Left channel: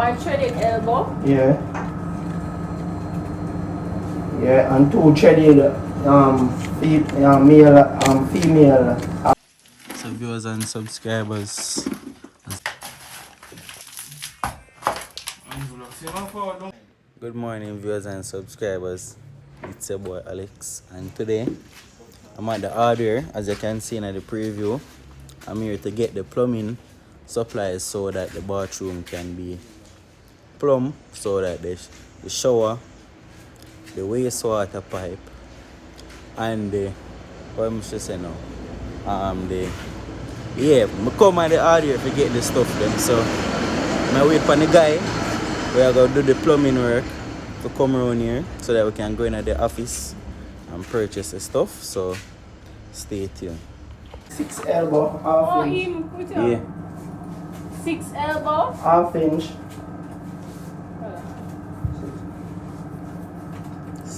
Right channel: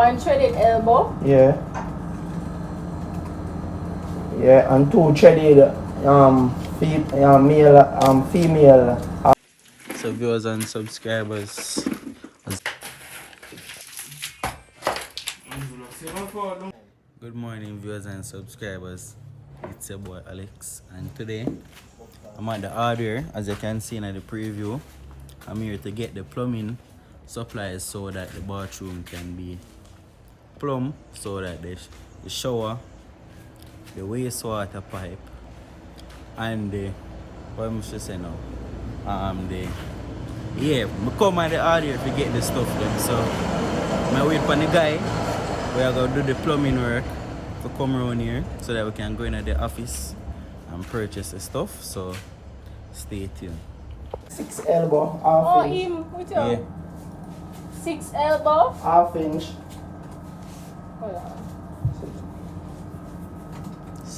One threaded elbow. Yeah. Yeah, and two threaded male female. So viewers and subscribers. Good morning viewers and subscribers. It's your boy Alex and today I'm at the hardware. As you can see in the preview, I'm here to get the plumbing supplies so that the bathroom can be plumbed, so that the shower, the wastewater pipe and the what am I saying now? I come at the hardware to get the stuff them. So I wait for the guy. We are going to do the plumbing work to come around here so that we can go into the office and purchase the stuff. So stay tuned. 6 elbow, half inch. Yeah. 6 elbow. Half inch.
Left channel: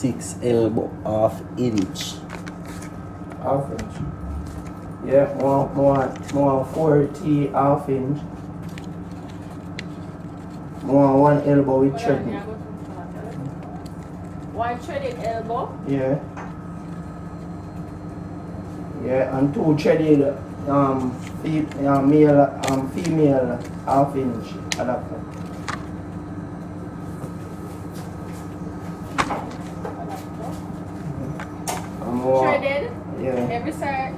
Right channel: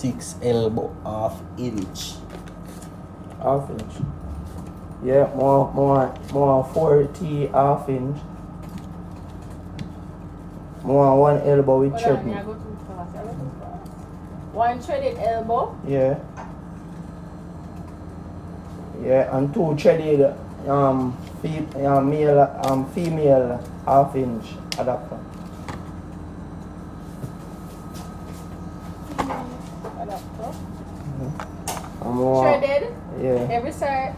6 elbow, half inch. Half inch. Yeah, more 40 half inch. More 1 elbow with threaded. One threaded elbow. Yeah. Yeah, and two threaded male female half inch adapter. Threaded. Yeah. Every side.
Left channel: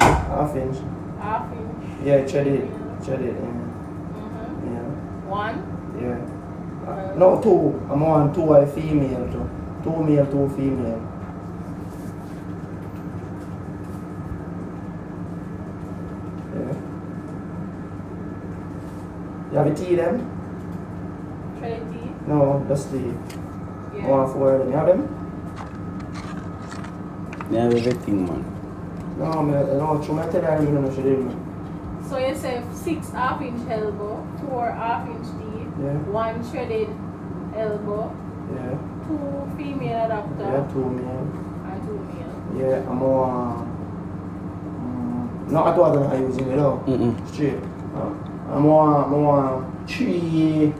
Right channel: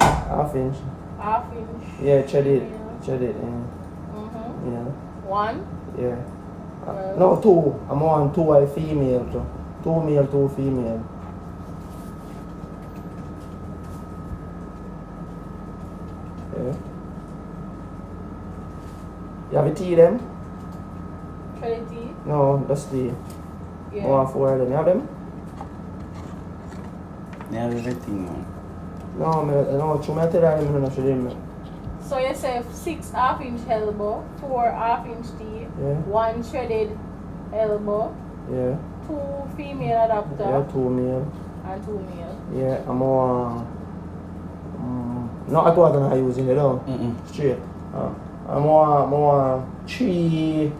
Half inch. Half inch. Yeah, threaded. Yeah. One. Yeah. No, two. I'm on two are female. Two male, two female. Yeah. You have a tea them? Threaded T. No, that's the Yeah. one for them. You have them? Yeah, everything man. No, try to tell you, no, should do. So you say 6 half inch elbow, 4 half inch T, Yeah. 1 threaded elbow, Yeah. 2 female adapter, Yeah, two male. and 2 male. Yeah, I'm on. Not at all that I use it all. Straight. I'm on 3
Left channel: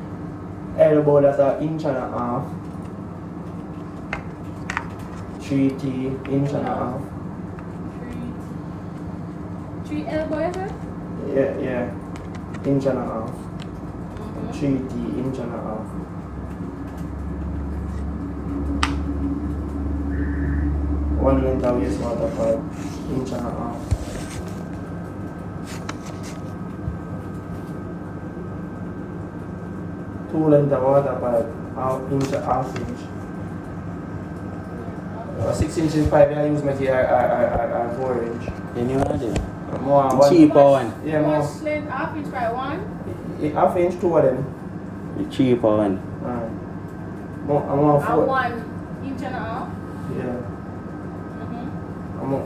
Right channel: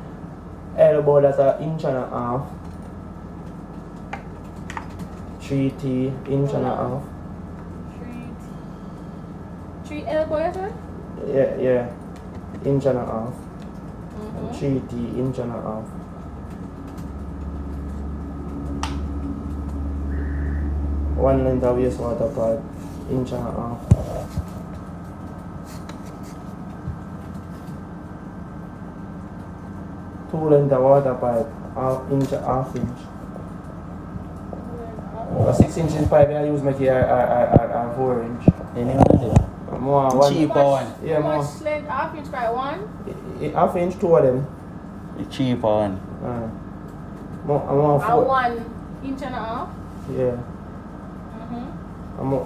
elbow that's an inch and a half. 3 T, inch and a half. 3 elbow, is it? Yeah. Inch and a half. 3 T, inch and a half. One length of wastewater pipe, inch and a half. Two length of water pipe, half inch. 6 inch in pipe, I use my 4 inch. Any one of them? More The one. cheaper one. Yeah, How more. much length half inch by 1? Half inch, 2 of them. The cheaper one. More By 4. 1 inch and a half? Yeah. Mm-hmm. I'm more,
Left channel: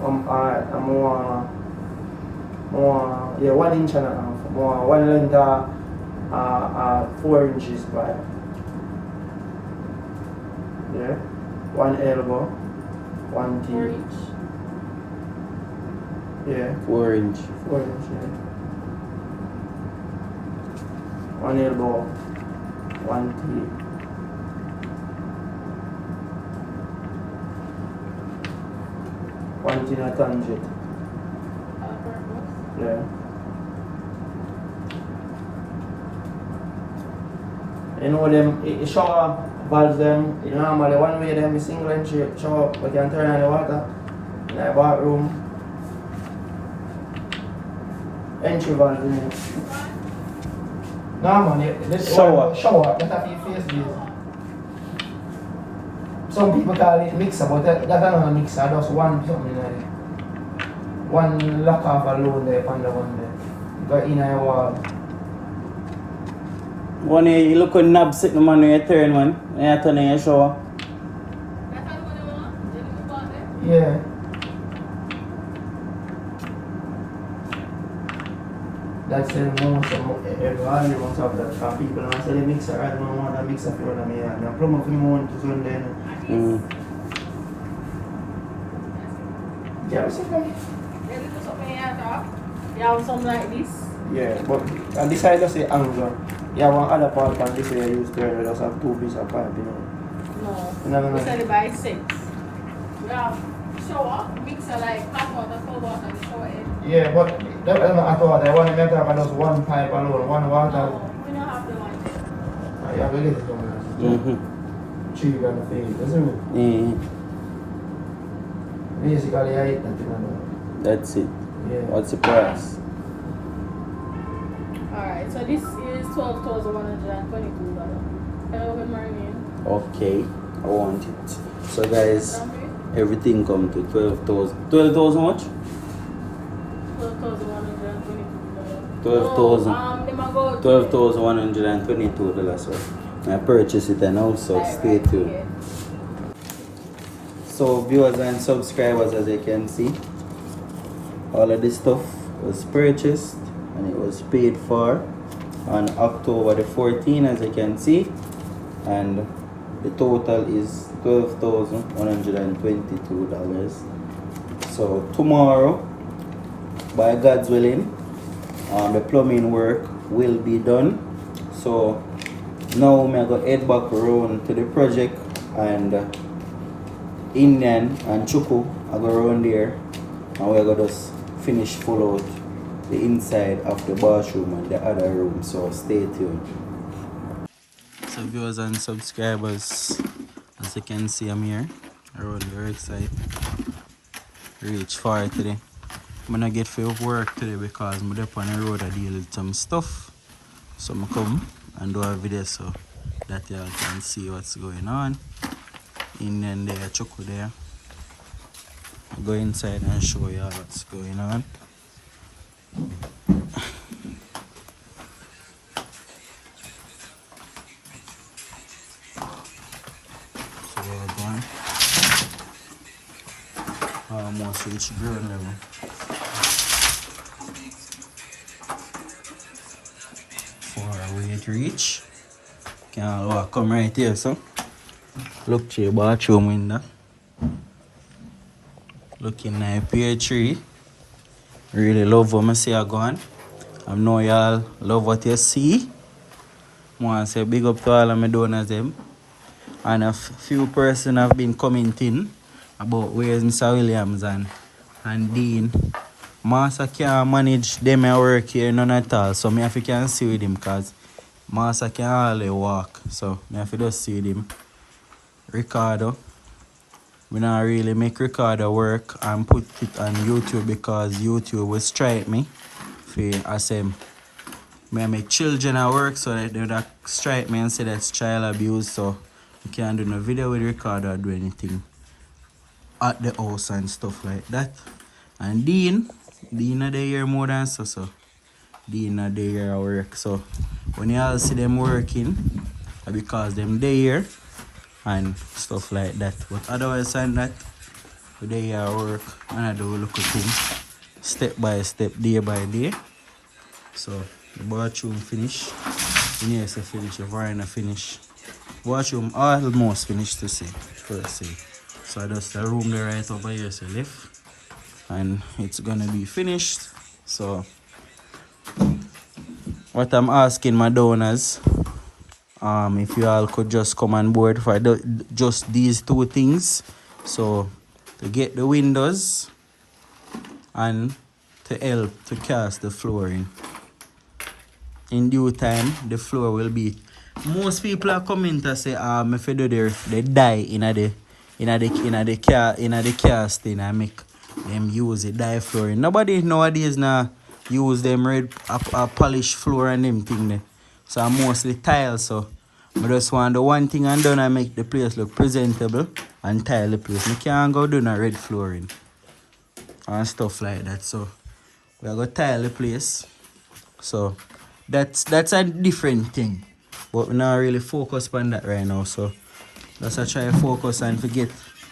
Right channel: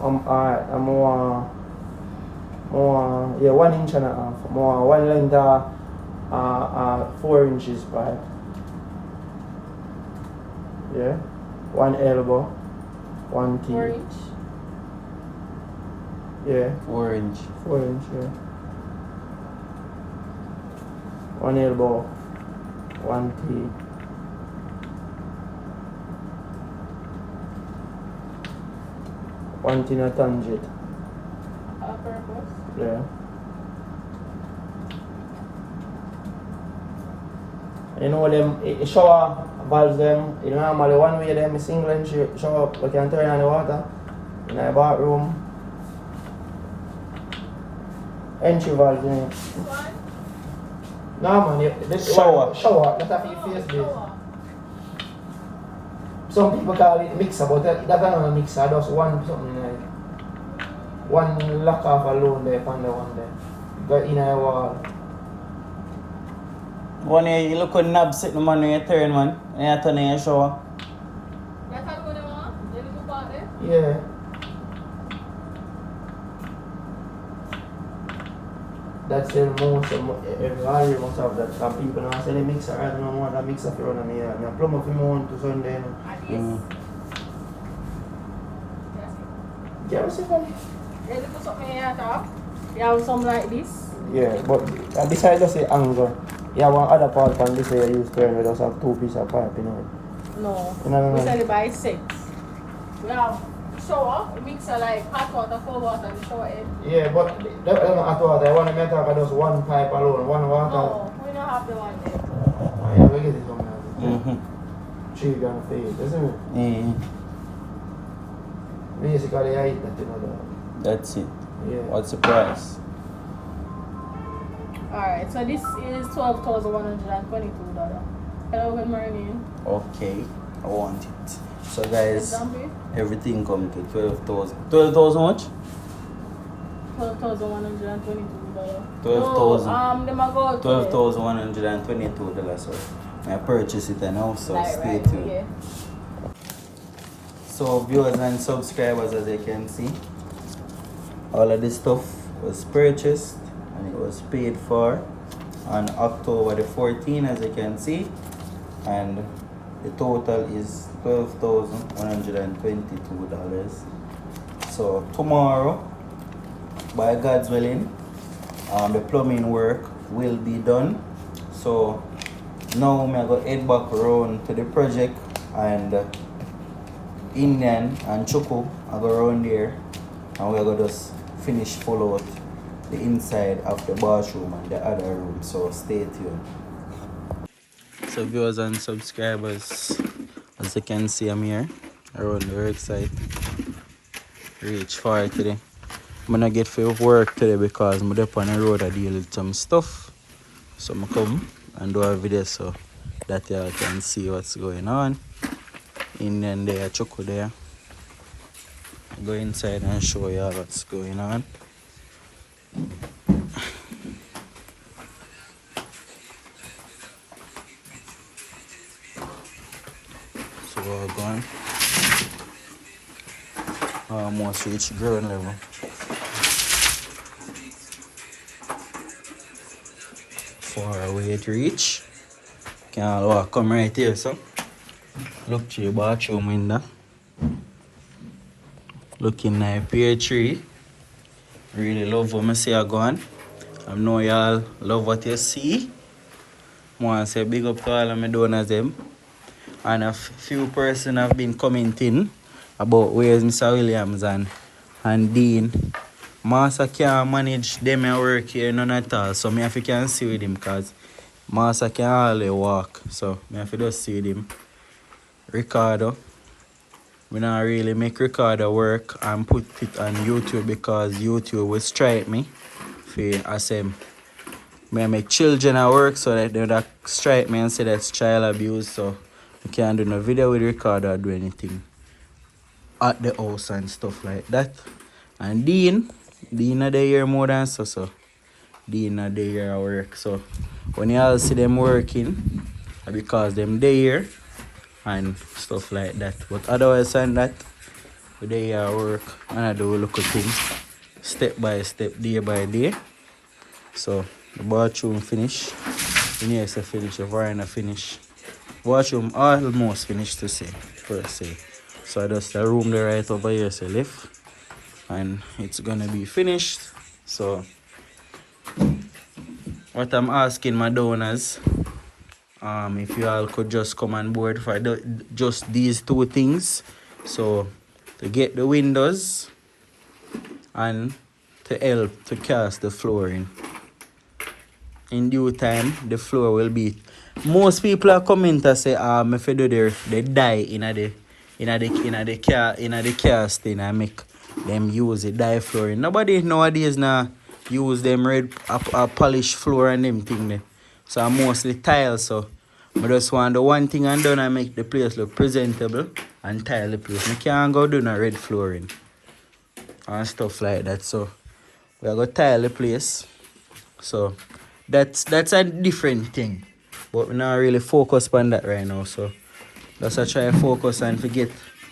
1 inch and a half. More 1 length 4 inches pipe. Yeah. 1 elbow. 1 T. 4 inch. Yeah. 4 inch. 4 inch, yeah. 1 elbow. 1 T. 1 T in a tangent. Yeah. You know them shower valves them, you normally one way them single entry shower, you can turn on the water in the bathroom. Entry valve in it. Normally this Shower. Shower, that's a face base. Some people call it mixer, but that's not a mixer, just one something like one lock off alone there on the one there. Go in your wall. One here, you look on knob sitting man when you turn one. And you turn in your shower. That's how you want? You move on there? Yeah. That's the most everybody must have that. Because people now say the mixer, I don't want a mixer for me. I plumb up the mount to Sunday. Yeah, what's it called? If you do something here, you have some like this. Yeah, but and this side just say angle. Yeah, one other part can listen you use turn with us have 2 pieces of pipe, you know. No. No. It's only by 6. Yeah. So, mixer like hot water, cold water, cold air. Yeah, but that's not at water. I want to make up just one pipe alone, one water. No, we don't have the one there. Yeah, we get it from there. Cheap and thing, isn't it? Basically, I eat that, you know. That's it. Yeah. What's the price? Alright, so this is $12,122. Hello, good morning. Okay, I want it. So guys, Hungry? everything come to 12,000. 12,000 much? $12,122. 12,000. Them a go to $12,122. So I purchased it now, so stay tuned. Yeah. So viewers and subscribers, as you can see, all of this stuff was purchased and it was paid for on October the 14th, as you can see, and the total is $12,122. So tomorrow, by God's willing, the plumbing work will be done. So now I'm going to head back around to the project, and Indian and Chuku are going around there, and we're going to just finish full out the inside of the bathroom and the other room. So stay tuned. So viewers and subscribers, as you can see, I'm here around the work site. Reach far today. I'm gonna get for work today because I'm up on the road. I deal with some stuff. So I'm come and do a video so that y'all can see what's going on. In and there, Choco there. I'll go inside and show y'all what's going on. So we're going. Almost reach ground level. Far away to reach. Can't walk, come right here, so. Look to your bathroom window. Looking at pear tree. Really love what I see I gone. I know y'all love what you see. I want to say big up to all of my donors them. And a few persons have been commenting about where's Mr. Williams and Dean. Master can't manage them at work here none at all. So I have to can see with him because Master can hardly walk. So I have to just see with him. Ricardo. We not really make Ricardo work and put it on YouTube because YouTube will strike me for asem. I make children at work so that they would strike me and say that's child abuse, so I can't do no video with Ricardo or do anything at the house and stuff like that. And Dean are there here more than so. Dean are there here at work. So when you all see them working, because them there and stuff like that. But otherwise than that, we there work and I do look at things step by step, day by day. So the bathroom finish. In here is a finish, the veranda finish. Bathroom almost finished to say, first say. So that's the room there right over here, so left. And it's gonna be finished. So what I'm asking my donors, if you all could just come on board for just these two things. So to get the windows and to help to cast the flooring. In due time, the floor will be. Most people are coming to say, if you do this, they die in the casting and make them use the dye flooring. Nobody nowadays now use them red polished floor and them thing there. So I'm mostly tiles. So I just want the one thing and done and make the place look presentable and tile the place. I can't go do no red flooring and stuff like that. So we are going to tile the place. So that's a different thing. But we not really focus on that right now. So let's try to focus and forget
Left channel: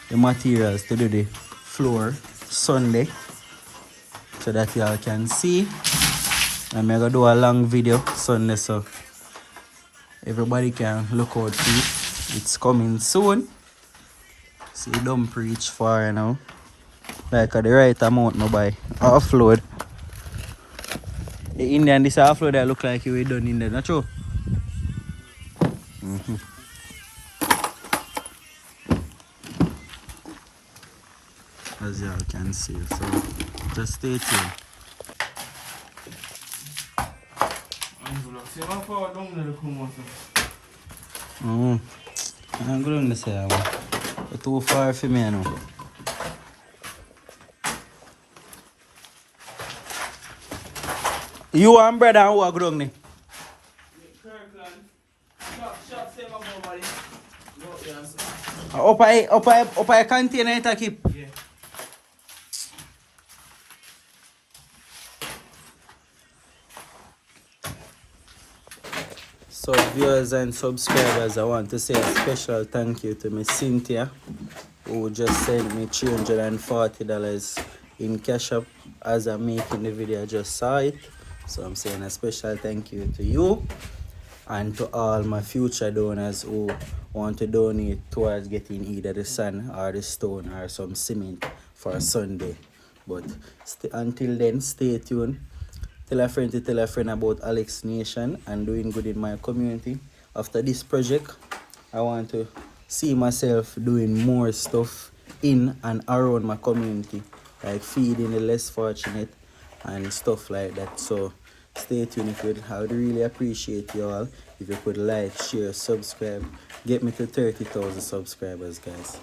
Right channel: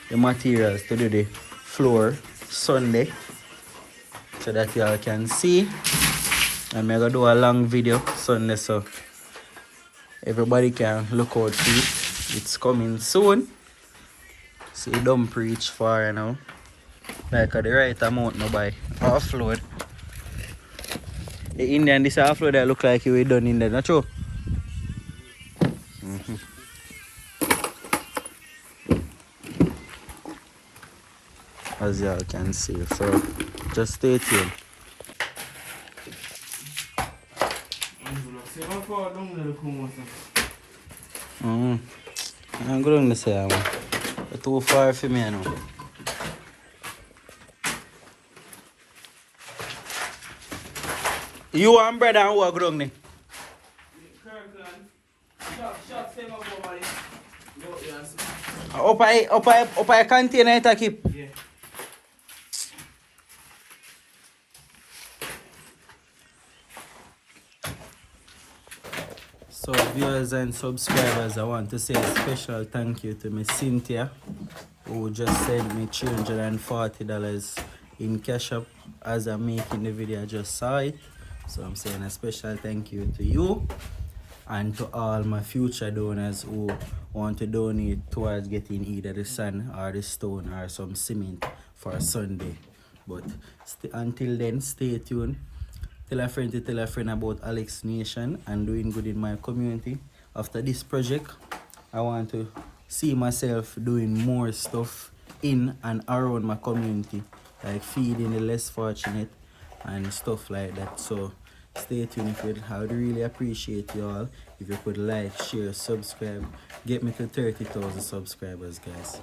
the materials to do the floor Sunday. So that y'all can see. And I'm going to do a long video Sunday so everybody can look out for it. It's coming soon. See, don't preach far now. Like at the right amount no buy. Offload. The Indian, this offload that look like you done in there, not true? As y'all can see. So just stay tuned. I'm going to say, man. It's too far for me now. You and brother who are going? Up a container to keep. Yeah. So viewers and subscribers, I want to say a special thank you to Miss Cynthia, who just sent me $340 in cash up as I'm making the video. I just saw it. So I'm saying a special thank you to you and to all my future donors who want to donate towards getting either the sand or the stone or some cement for Sunday. But until then, stay tuned. Tell a friend to tell a friend about Alex Nation and doing good in my community. After this project, I want to see myself doing more stuff in and around my community, like feeding the less fortunate and stuff like that. So stay tuned. If you'd, I would really appreciate you all if you could like, share, subscribe. Get me to 30,000 subscribers, guys.